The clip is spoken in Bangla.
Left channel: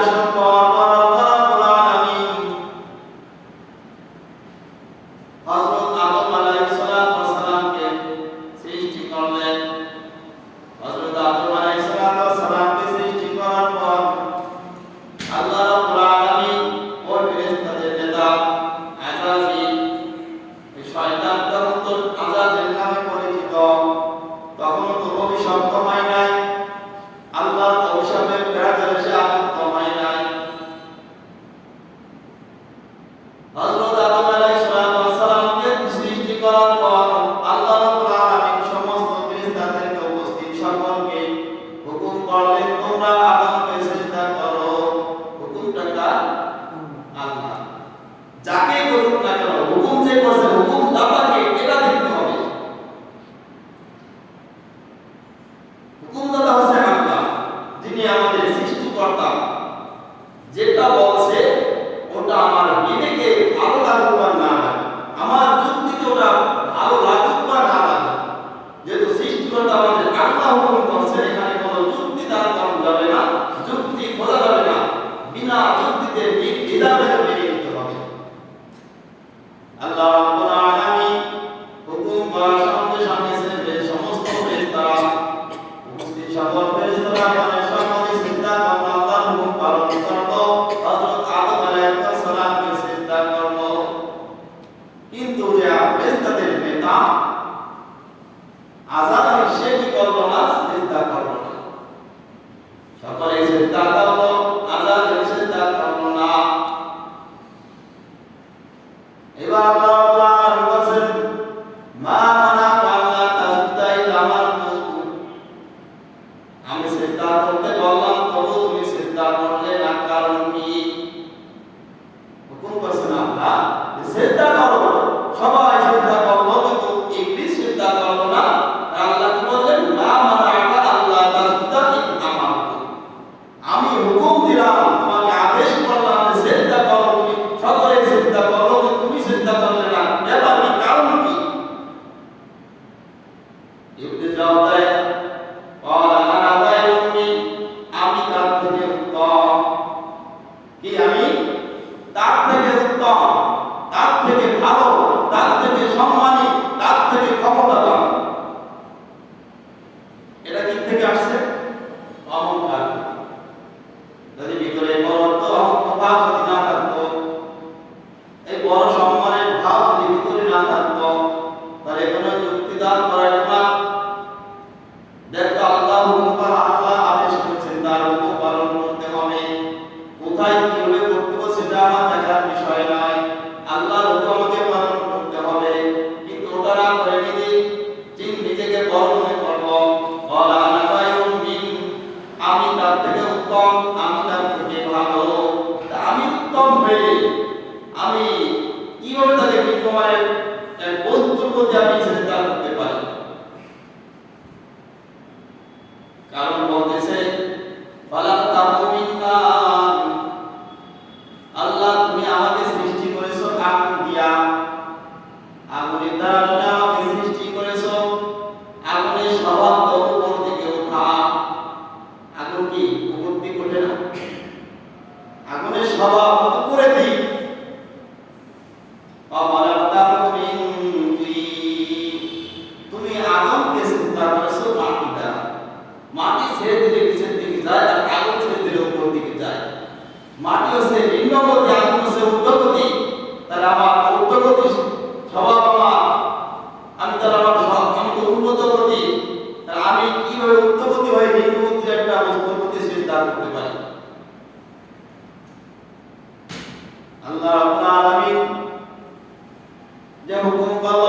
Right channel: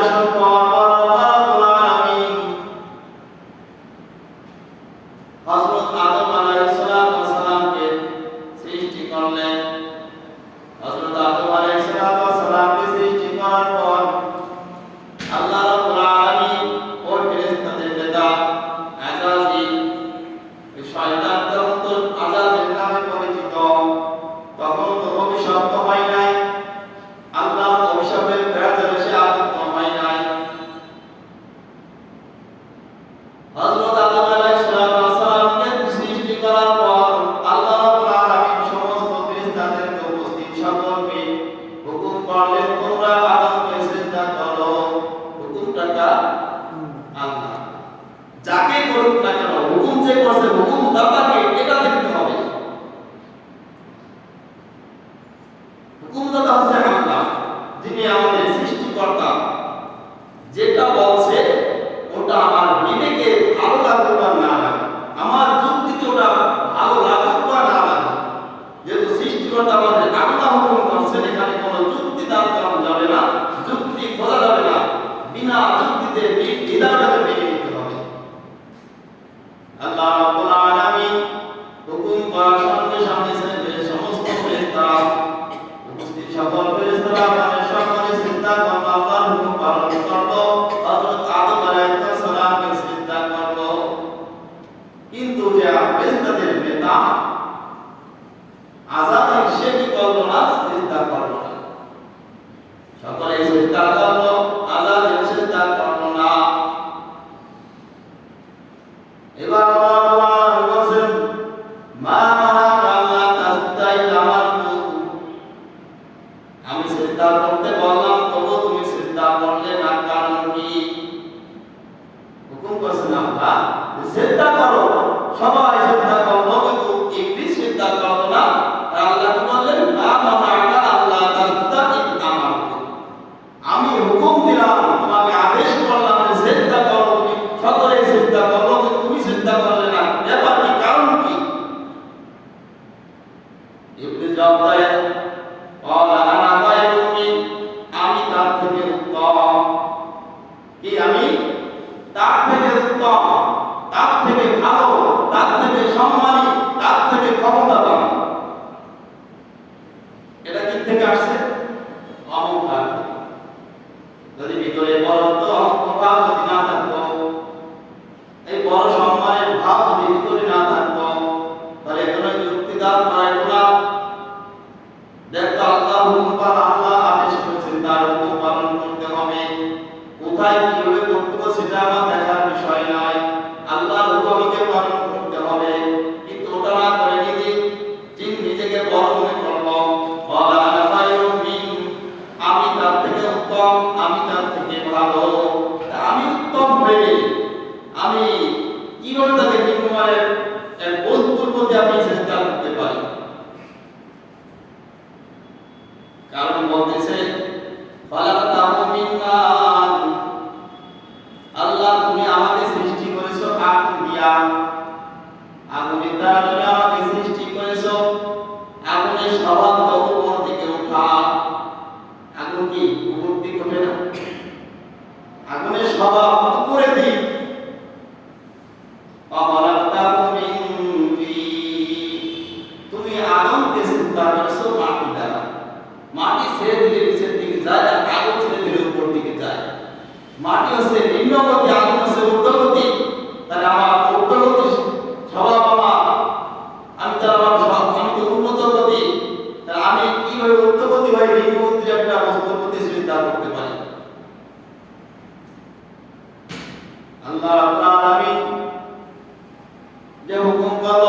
আসার পর আল্লাহ রাব্বুল আলামিন হযরত আদম আলাইহিস সালামকে সৃষ্টি করলেন। হযরত আদম আলাইহিস সালামকে সৃষ্টি করার পর আল্লাহ রাব্বুল আলামিন ওই ফেরেশতাদের নেতা আযাজিল, ওই শয়তানদের মতো আযাজিল নামে পরিচিত, তখন তো অভিশপ্ত হয় নাই, আল্লাহর অভিশাপের প্রেরণে সে আবদ্ধ হয় নাই। হযরত আদম আলাইহিস সালামকে সৃষ্টি করার পর আল্লাহ রাব্বুল আলামিন সমস্ত ফেরেশতাদেরকে উপস্থিত সকলকে হুকুম করলেন, তোমরা আদমকে সিজদা করো। হুকুমটা কার? আল্লাহ। যাকে করুক না কেন, হুকুম যে করছে, হুকুম দাতাকে এটা দেখতে হবে। হুকুমদাতা হচ্ছে আল্লাহ, যিনি আমাদের সৃষ্টিকর্তা। যেটা বলছে ওটা আমার বিবেকে ভালো লাগুক বা না লাগুক, আমার যুক্তিতে ওটা ভালো লাগুক বা না লাগুক, যেহেতু সৃষ্টিকর্তা আমাদের আল্লাহ হুকুম করছেন, এখানে কোনো যুক্তি দ্বারা করা যাবে না, যুক্তি খোঁজা যাবে না, বিনা যুক্তিতে নির্দ্বিধায় মেনে নিতে হবে। আল্লাহ রাব্বুল আলামিন হুকুম করার সঙ্গে সঙ্গে সমস্ত ফেরেশতারা উপস্থিত সকল ফেরেশতারা সকলে সিজদা করল, আল্লাহর হুকুম পালন করল, হযরত আদম আলাইহিস সালামকে সিজদা করল। কিন্তু যে ফেরেশতাদের নেতা আযাজিল সে কি করল না? সিজদা করল না। সকলে সিজদা করল, আযাজিল সিজদা করল না। এবার আল্লাহ বলেন, মা মানাকা আল্লা তাসজুদা ইযা আমারতুক, আমি সিজদা করতে বললাম তবু তুমি সিজদা করলে না, কারণ কি? হুকুম করছেন আল্লাহ, সিজদা করো, সবাই সিজদা করলো, কিন্তু ইবলিস সিজদা করলো না। আল্লাহ কি বললেন? মা মানাকা আল্লা তাসজুদা ইযা আমারতুক, আমি হুকুম দিলাম, তোমাকে আদেশ করলাম যে সিজদা করো, তুমি সকলে সিজদা করো, কিন্তু তুমি সিজদা করলে না, ব্যাপার কি? কারণ কি? ইবলিস জবাব দেয়, ক্বালা আনা খায়রুম মিন, আমি তার থেকে উত্তম। কি? আমি তার থেকে উত্তম, তার থেকে ভালো, তার থেকে সম্মানী, তার থেকে ক্ষমতাবান। এটা কি থেকে আসছে? অহংকার। যদি ভিতরে বড়ত্ব ভাব যদি না থাকতো, এই বড় সম্মানের ভাব যদি ভিতরে না থাকতো, তাহলে এখানে যুক্তি দাঁড় করাইতো না। দেখো আল্লাহ হুকুম পালন, আল্লাহ আদেশ করেছেন, তার হুকুম পালন করতে হবে। কোথায় কিভাবে করতে হবে সেটা আমার দেখার বিষয় নয়, আল্লাহর হুকুমকে পালন করতে হবে। কিন্তু ওটা না করে নিজেকে বড় মনে করলো, ক্বালা আনা খায়রুম মিন, আমি তার থেকে উত্তম, আমি তার থেকে ভালো। আমি উত্তম হয়ে আমি কিভাবে তাকে নিম্নমানের এক বস্তুর প্রতি আমি সিজদা করতে পারি? কারণ বলতেছে, ফালাকতাহু মিন নার, আল্লাহ তুমি আমাকে সৃষ্টি করেছো আগুন দিয়া, আগুনের দ্বারা তুমি আমাকে সৃষ্টি করেছো। আগুনের স্বভাব তো উপর দিকে ওঠা। আগুন কি উপর দিকে ওঠে না? আগুনের স্বভাব উপরের দিক। তুমি আগুনকে চিন্তা করেছো মাটি দ্বারা, মাটি ছেড়ে দিলে নিচের দিকে যায়, আর আগুন ছেড়ে দিলে উপর দিকে যায়। মাটি হচ্ছে নিম্নগতি, আগুন হচ্ছে ঊর্ধ্বগতি। তাহলে আমার ঊর্ধ্বগতি স্বভাব, আমি তার আমি তো উন্নত গতি, তাহলে আমি কিভাবে ঊর্ধ্বগতি হয়ে নিম্নগতি একটা বস্তুর প্রতি চিন্তা করতে পারি? আল্লাহ রাব্বুল আলামিন যে হুকুম করলো